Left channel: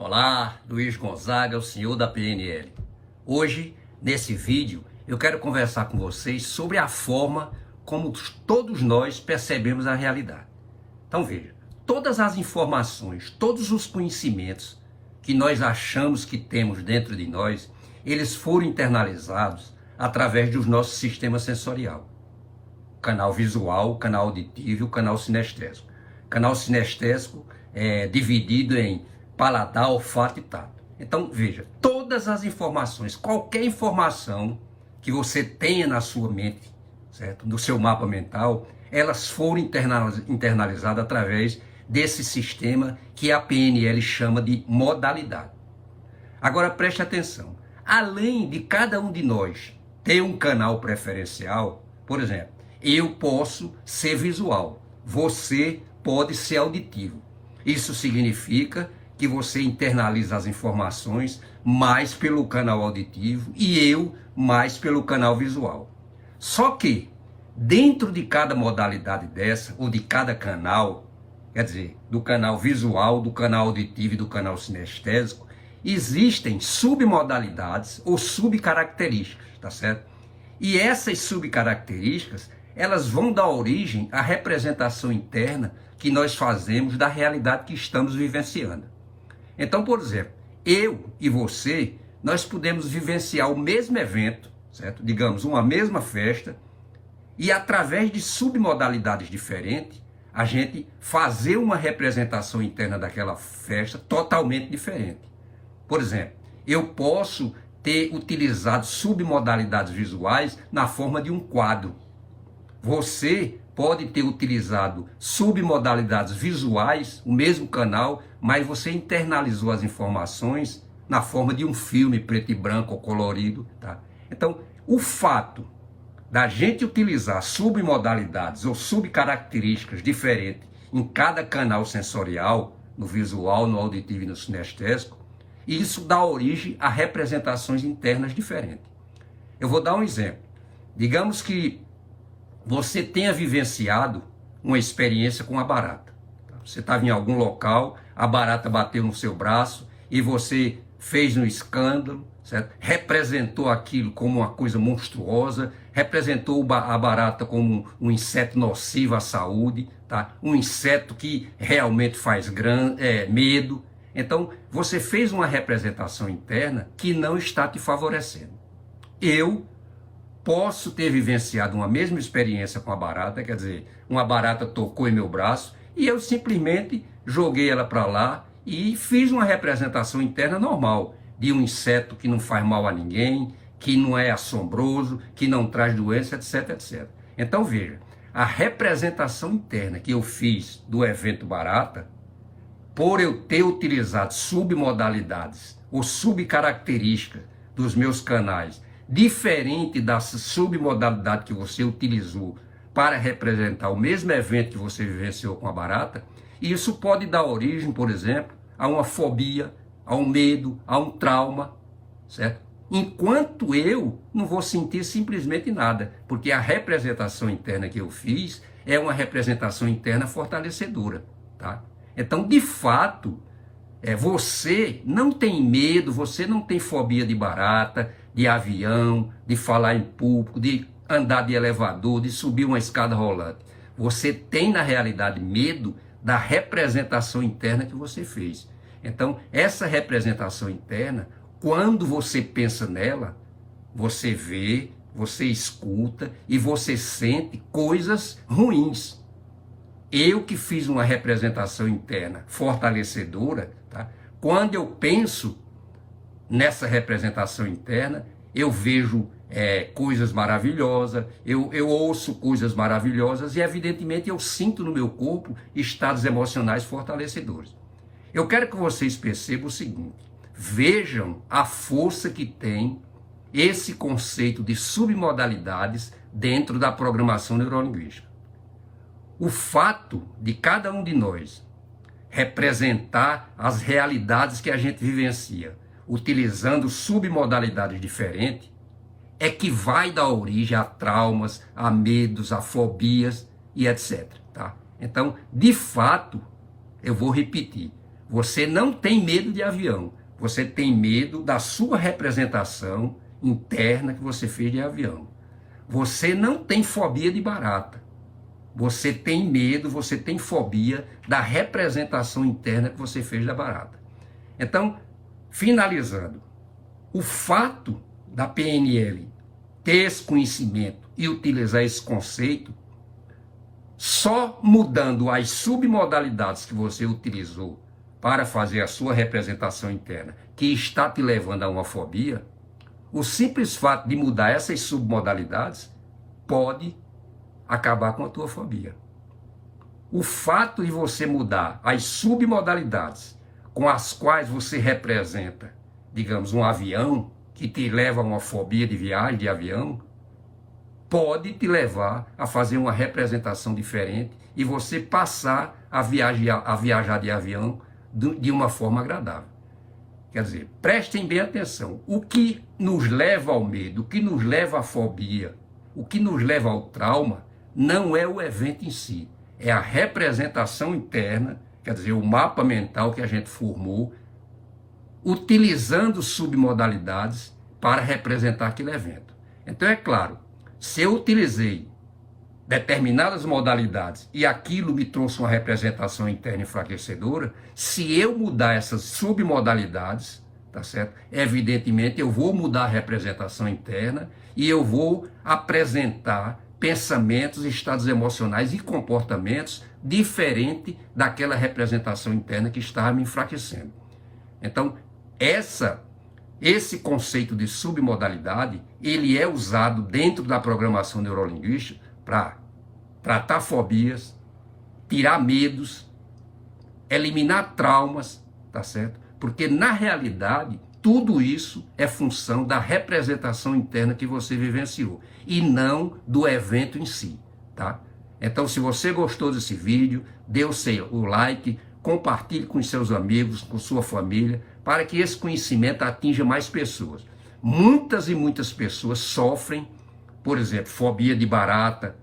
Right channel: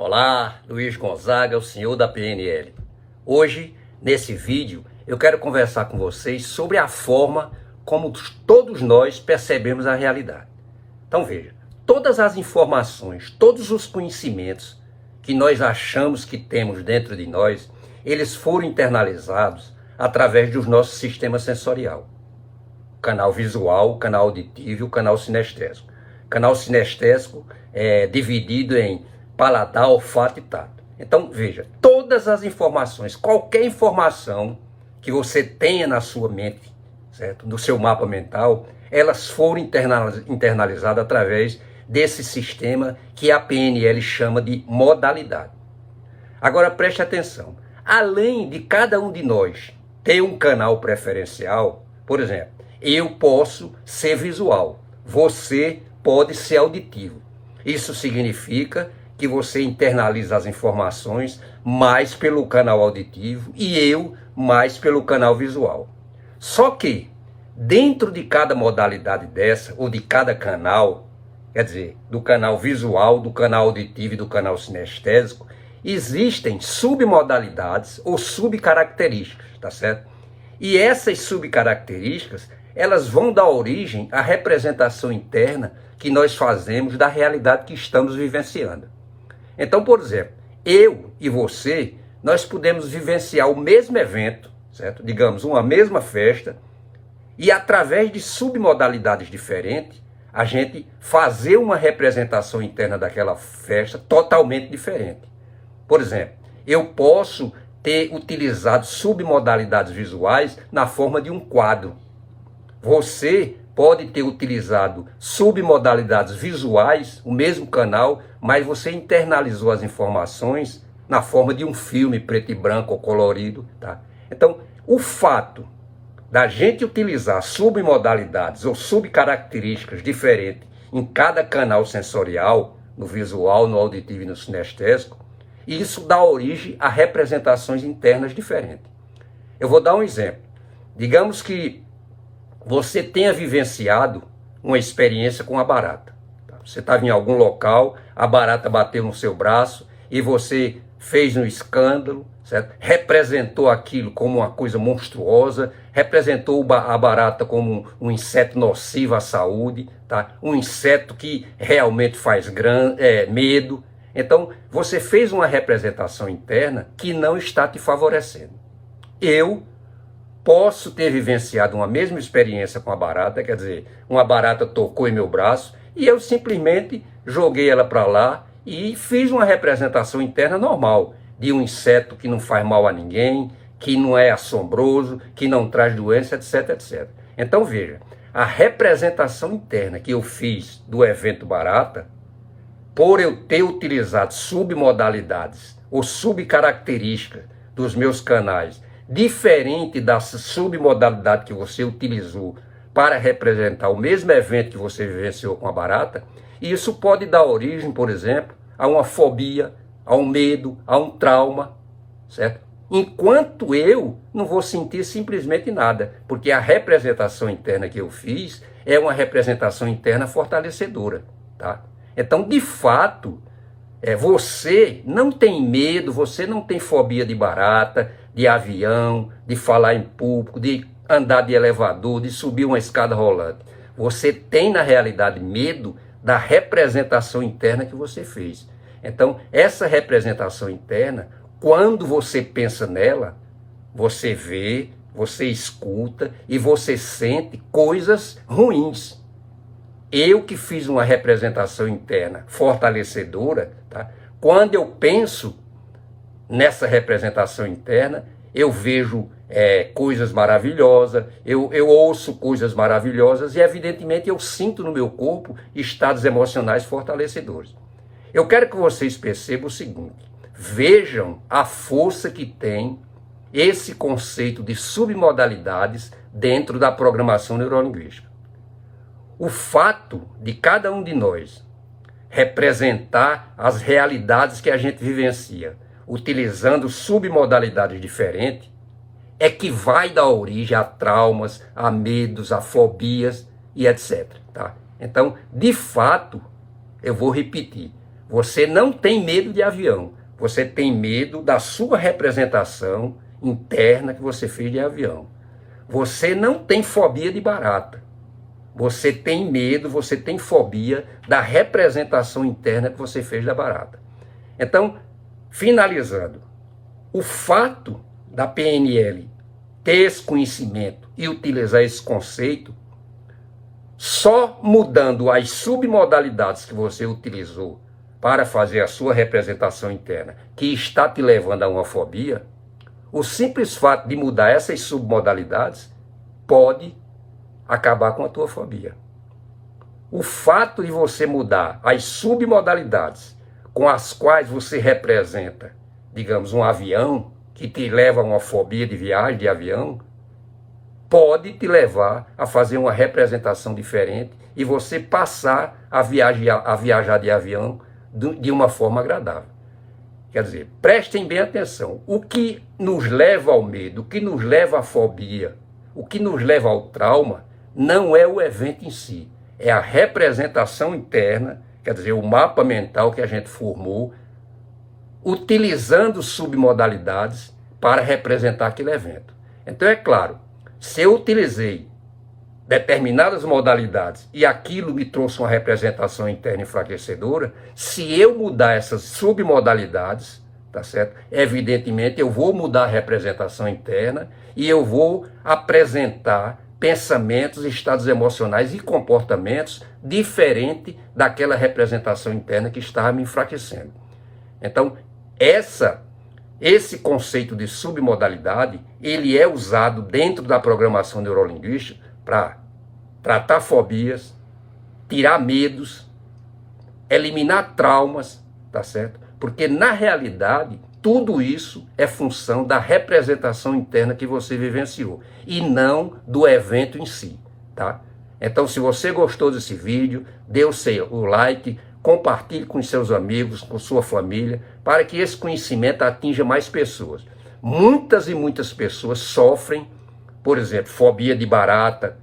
Olá, Luiz Gonzaga, o senhor da PNL. Hoje, nesse vídeo, eu quero conversar com vocês sobre a forma como todos nós percebemos a realidade. Então veja, todas as informações, todos os conhecimentos que nós achamos que temos dentro de nós, eles foram internalizados através do nosso sistema sensorial. O canal visual, o canal auditivo e o canal sinestésico. O canal sinestésico é dividido em paladar, olfato e tato. Então, veja, todas as informações, qualquer informação que você tenha na sua mente, certo? No seu mapa mental, elas foram internalizadas através desse sistema que a PNL chama de modalidade. Agora, preste atenção. Além de cada um de nós ter um canal preferencial, por exemplo, eu posso ser visual, você pode ser auditivo. Isso significa que você internaliza as informações mais pelo canal auditivo e eu mais pelo canal visual. Só que, dentro de cada modalidade dessa, ou de cada canal, quer dizer, do canal visual, do canal auditivo e do canal sinestésico, existem submodalidades ou subcaracterísticas, tá certo? E essas subcaracterísticas, elas vão dar origem à representação interna que nós fazemos da realidade que estamos vivenciando. Então, por exemplo, eu e você, nós podemos vivenciar o mesmo evento, certo? Digamos, uma mesma festa, e através de submodalidades diferentes, a gente fazer uma representação interna daquela festa totalmente diferente. Por exemplo, eu posso ter utilizado submodalidades visuais na forma de um quadro. Você pode ter utilizado submodalidades visuais, o mesmo canal, mas você internalizou as informações na forma de um filme preto e branco ou colorido, tá? Então, o fato da gente utilizar submodalidades ou subcaracterísticas diferentes em cada canal sensorial, no visual, no auditivo e no sinestésico, isso dá origem a representações internas diferentes. Eu vou dar um exemplo. Digamos que você tenha vivenciado uma experiência com a barata. Você estava em algum local, a barata bateu no seu braço e você fez um escândalo, certo? Representou aquilo como uma coisa monstruosa, representou a barata como um inseto nocivo à saúde, tá? Um inseto que realmente faz medo. Então, você fez uma representação interna que não está te favorecendo. Eu posso ter vivenciado uma mesma experiência com a barata, quer dizer, uma barata tocou em meu braço e eu simplesmente joguei ela para lá e fiz uma representação interna normal de um inseto que não faz mal a ninguém, que não é assombroso, que não traz doença, etc, etc. Então veja, a representação interna que eu fiz do evento barata, por eu ter utilizado submodalidades ou subcaracterísticas dos meus canais, diferente da submodalidade que você utilizou para representar o mesmo evento que você vivenciou com a barata, isso pode dar origem, por exemplo, a uma fobia, a um medo, a um trauma, certo? Enquanto eu não vou sentir simplesmente nada, porque a representação interna que eu fiz é uma representação interna fortalecedora, tá? Então, de fato, você não tem medo, você não tem fobia de barata, de avião, de falar em público, de andar de elevador, de subir uma escada rolante. Você tem, na realidade, medo da representação interna que você fez. Então, essa representação interna, quando você pensa nela, você vê, você escuta e você sente coisas ruins. Eu que fiz uma representação interna fortalecedora, tá? Quando eu penso nessa representação interna, eu vejo coisas maravilhosas, eu ouço coisas maravilhosas e, evidentemente, eu sinto no meu corpo estados emocionais fortalecedores. Eu quero que vocês percebam o seguinte: vejam a força que tem esse conceito de submodalidades dentro da programação neurolinguística. O fato de cada um de nós representar as realidades que a gente vivencia, utilizando submodalidades diferentes, é que vai dar origem a traumas, a medos, a fobias e etc. Tá? Então, de fato, eu vou repetir, Você não tem medo de avião. Você tem medo da sua representação interna que você fez de avião. Você não tem fobia de barata. Você tem medo, você tem fobia da representação interna que você fez da barata. Então, finalizando, o fato da PNL ter esse conhecimento e utilizar esse conceito, só mudando as submodalidades que você utilizou para fazer a sua representação interna, que está te levando a uma fobia, o simples fato de mudar essas submodalidades pode acabar com a tua fobia. O fato de você mudar as submodalidades com as quais você representa, digamos, um avião, que te leva a uma fobia de viagem de avião, pode te levar a fazer uma representação diferente e você passar a viajar de avião de uma forma agradável. Quer dizer, prestem bem atenção. O que nos leva ao medo, o que nos leva à fobia, o que nos leva ao trauma, não é o evento em si, é a representação interna, quer dizer, o mapa mental que a gente formou, utilizando submodalidades para representar aquele evento. Então, é claro, se eu utilizei determinadas modalidades e aquilo me trouxe uma representação interna enfraquecedora, se eu mudar essas submodalidades, tá certo? Evidentemente, eu vou mudar a representação interna e eu vou apresentar pensamentos, estados emocionais e comportamentos diferentes daquela representação interna que estava me enfraquecendo. Então, esse conceito de submodalidade, ele é usado dentro da programação neurolinguística para tratar fobias, tirar medos, eliminar traumas, tá certo? Porque, na realidade, tudo isso é função da representação interna que você vivenciou e não do evento em si, tá? Então, se você gostou desse vídeo, dê o like, compartilhe com seus amigos, com sua família, para que esse conhecimento atinja mais pessoas. Muitas e muitas pessoas sofrem, por exemplo, fobia de barata,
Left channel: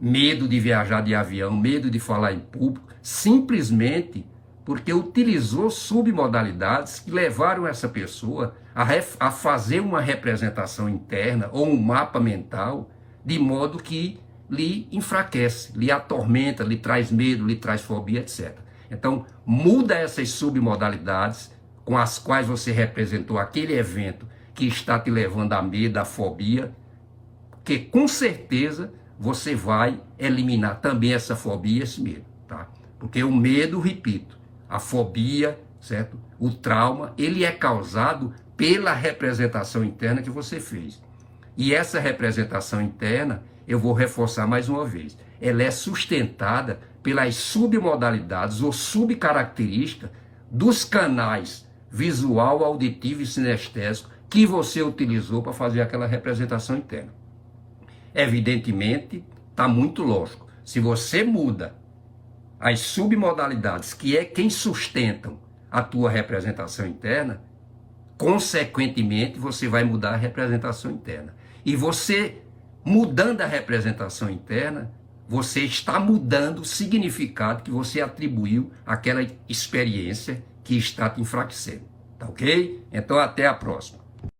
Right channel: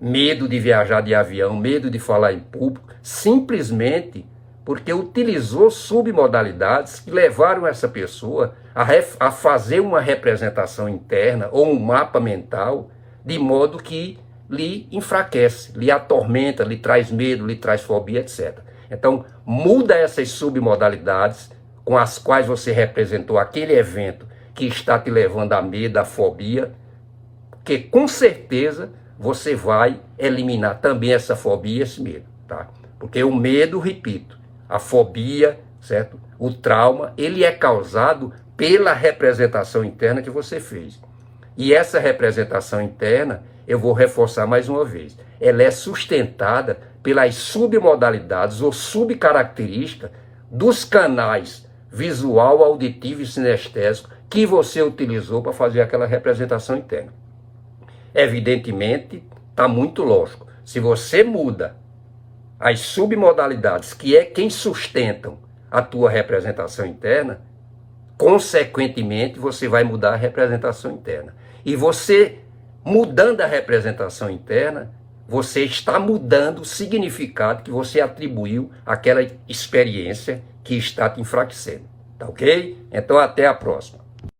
medo de viajar de avião, medo de falar em público, simplesmente porque utilizou submodalidades que levaram essa pessoa a fazer uma representação interna ou um mapa mental de modo que lhe enfraquece, lhe atormenta, lhe traz medo, lhe traz fobia, etc. Então, muda essas submodalidades com as quais você representou aquele evento que está te levando a medo, a fobia, que com certeza você vai eliminar também essa fobia e esse medo, tá? Porque o medo, repito, a fobia, certo? O trauma, ele é causado pela representação interna que você fez. E essa representação interna, eu vou reforçar mais uma vez, ela é sustentada pelas submodalidades ou subcaracterísticas dos canais visual, auditivo e sinestésico que você utilizou para fazer aquela representação interna. Evidentemente, está muito lógico. Se você muda as submodalidades, que é quem sustentam a tua representação interna, consequentemente, você vai mudar a representação interna. E você, mudando a representação interna, você está mudando o significado que você atribuiu àquela experiência que está te enfraquecendo. Tá ok? Então, até a próxima.